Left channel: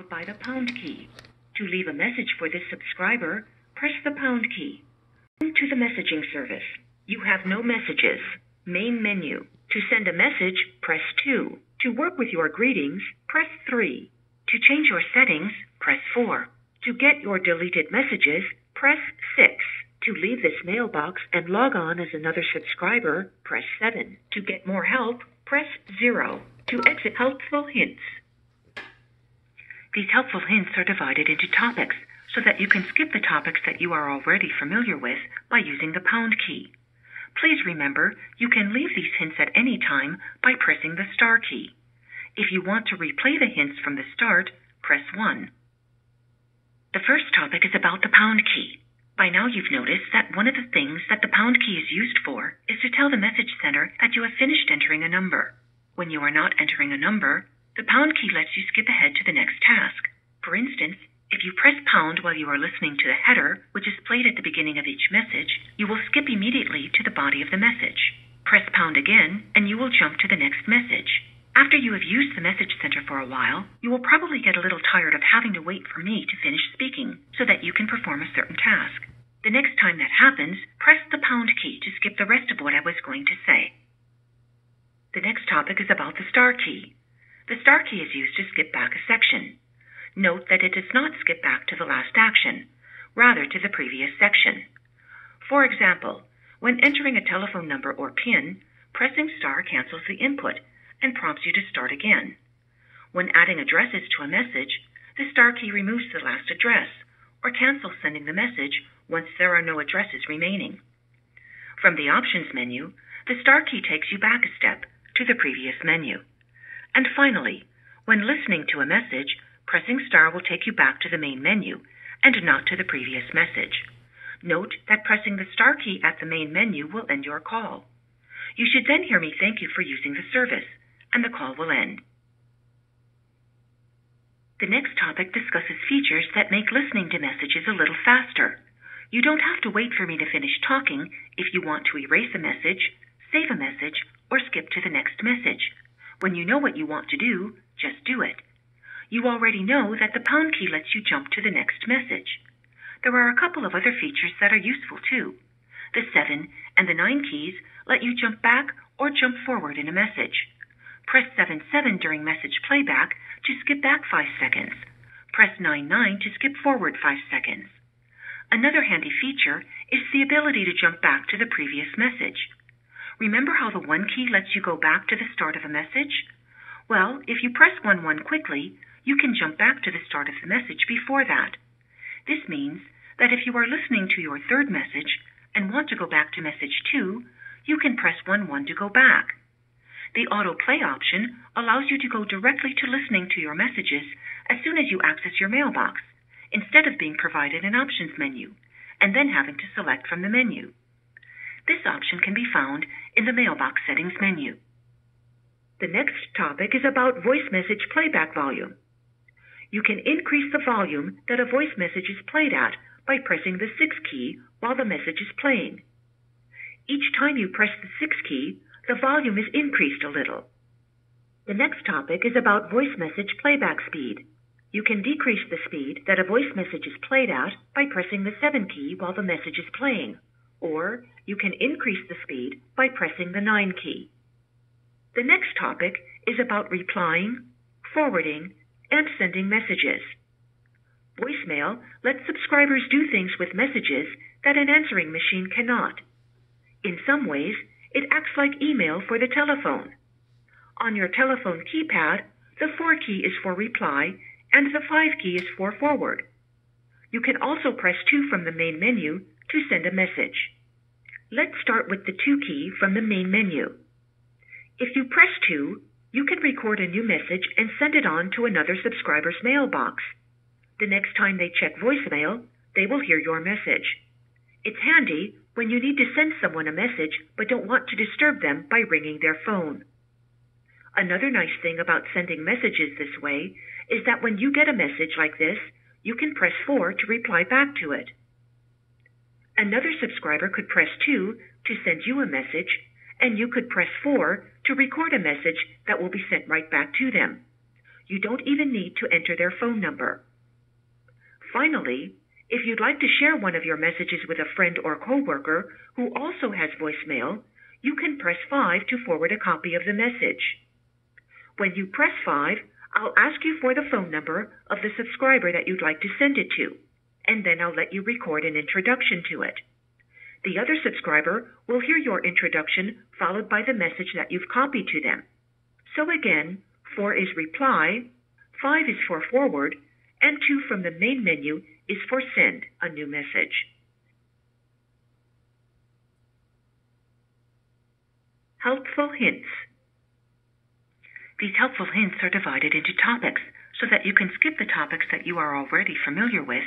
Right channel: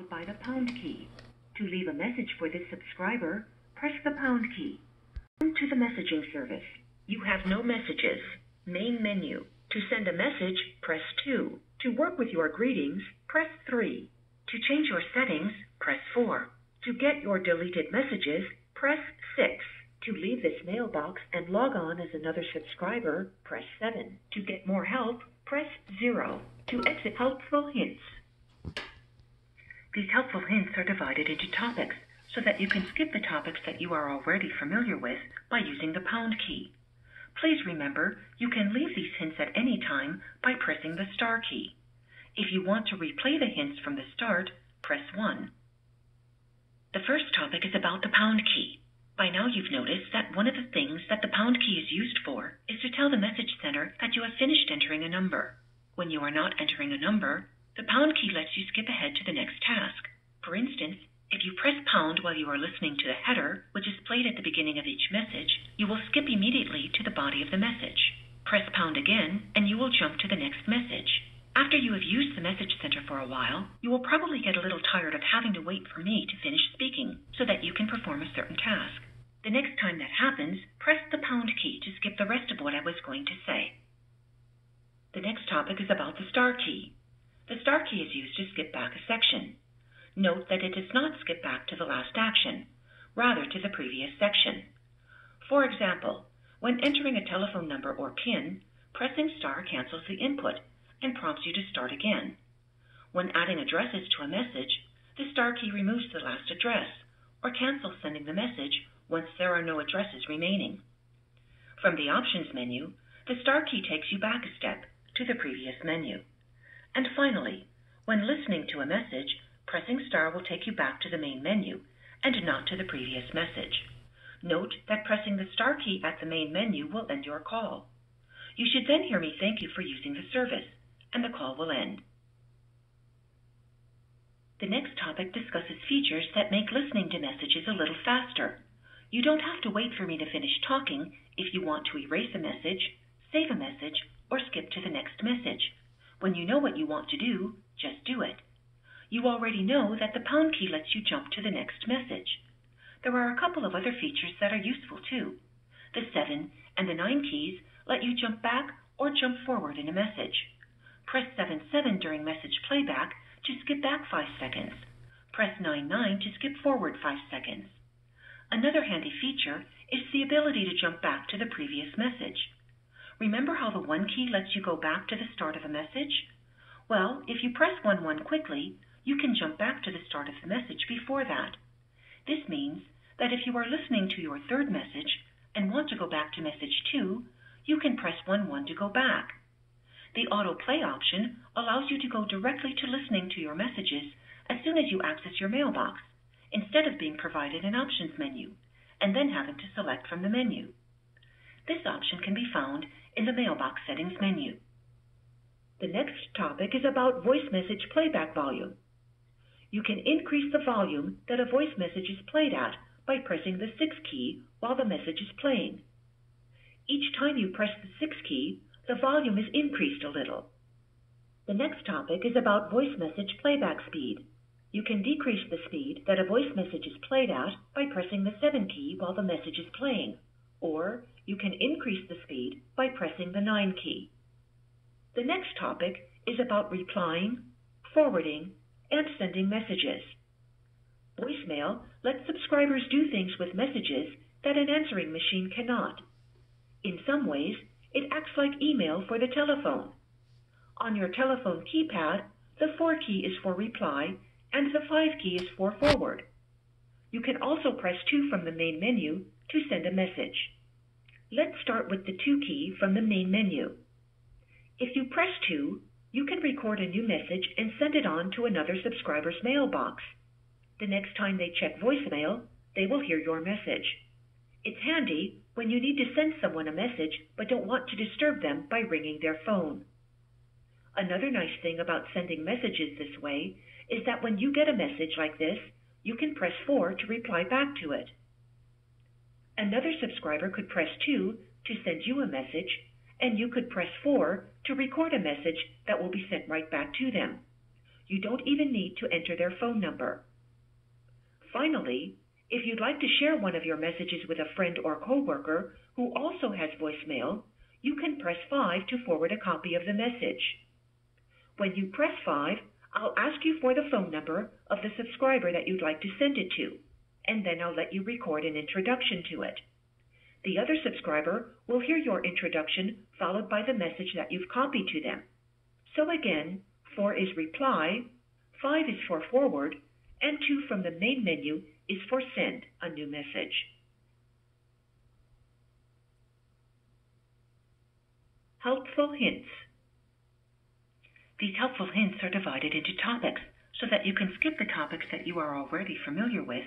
followed by the pound key. To leave a message for this subscriber, press the pound key. To the messaging service. You have no messages. Main menu. To send a message, press 2. To work with your greetings, press 3. To change your settings, press 4. To get your deleted messages, press 6. To leave this mailbox and log on as another subscriber, press 7. To get more help, press 0. To exit helpful hints. These helpful hints are divided into topics so that you can skip the topics that you are already familiar with by using the pound key. Please remember, you can leave these hints at any time by pressing the star key. If you want to replay the hints from the start, press 1. The first topic is about the pound key. By now you've noticed that one of the things that the pound key is used for is to tell the message sender that you have finished entering a number. When you are not entering a number, the pound key lets you skip ahead to the next task. For instance, if you press pound while you are listening to the header, which is played at the beginning of each message, you will skip immediately to the body of the message. Press pound again, and you will jump to the next message. After you have used the message center for a while, you will probably get a little tired of having to wait for me to finish speaking so that you can perform a certain task. The next time that happens, press the pound key to skip the rest of what I was going to say. The next topic is about the star key. The star key is used to skip back a section. Note that it does not skip back to the last action, rather to the previous section. For example, when entering a telephone number or PIN, pressing star cancels the input and prompts you to start again. When adding addresses to a message, the star key removes the last address or cancels sending the message once there are no addresses remaining. From the options menu, the star key takes you back a step to the previous menu. And finally, when listening to a message, pressing star will take you back to the main menu and not to the previous message. Note that pressing the star key at the main menu will end your call. You should then hear me thank you for using the service, and the call will end. The next topic discusses features that make listening to messages a little faster. You don't have to wait for me to finish talking if you want to erase a message, save a message, or skip to the next message. When you know what you want to do, just do it. You already know that the pound key lets you jump to the next message. There are a couple of other features that are useful too. The 7 and the 9 keys let you jump back or jump forward in a message. Press 7-7 during message playback to skip back 5 seconds. Press 9-9 to skip forward 5 seconds. Another handy feature is the ability to jump back to the previous message. Remember how the 1 key lets you go back to the start of a message? Well, if you press 1-1 quickly, you can jump back to the start of the message before that. This means that if you are listening to your third message and want to go back to message 2, you can press 1-1 to go back. The autoplay option allows you to go directly to listening to your messages as soon as you access your mailbox, instead of being provided an options menu and then having to select from the menu. This option can be found in the mailbox settings menu. The next topic is about voice message playback volume. You can increase the volume that a voice message is played at by pressing the 6 key while the message is playing. Each time you press the 6 key, the volume is increased a little. The next topic is about voice message playback speed. You can decrease the speed that a voice message is played at by pressing the 7 key while the message is playing, or you can increase the speed by pressing the 9 key. The next topic is about replying, forwarding, and sending messages. Voicemail lets subscribers do things with messages that an answering machine cannot. In some ways, it acts like email for the telephone. On your telephone keypad, the 4 key is for reply and the 5 key is for forward. You can also press 2 from the main menu to send a message. Let's start with the 2 key from the main menu. If you press 2, you can record a new message and send it on to another subscriber's mailbox. The next time they check voicemail, they will hear your message. It's handy when you need to send someone a message but don't want to disturb them by ringing their phone. Another nice thing about sending messages this way is that when you get a message like this, you can press 4 to reply back to it. Another subscriber could press 2 to send you a message, and you could press 4 to record a message that will be sent right back to them. You don't even need to enter their phone number. Finally, if you'd like to share one of your messages with a friend or coworker who also has voicemail, you can press 5 to forward a copy of the message. When you press 5, I'll ask you for the phone number of the subscriber that you'd like to send it to, and then I'll let you record an introduction to it. The other subscriber will hear your introduction followed by the message that you've copied to them. So again, 4 is reply, 5 is for forward, and 2 from the main menu is for send a new message. Helpful hints. These helpful hints are divided into topics so that you can skip the topics that you are already familiar with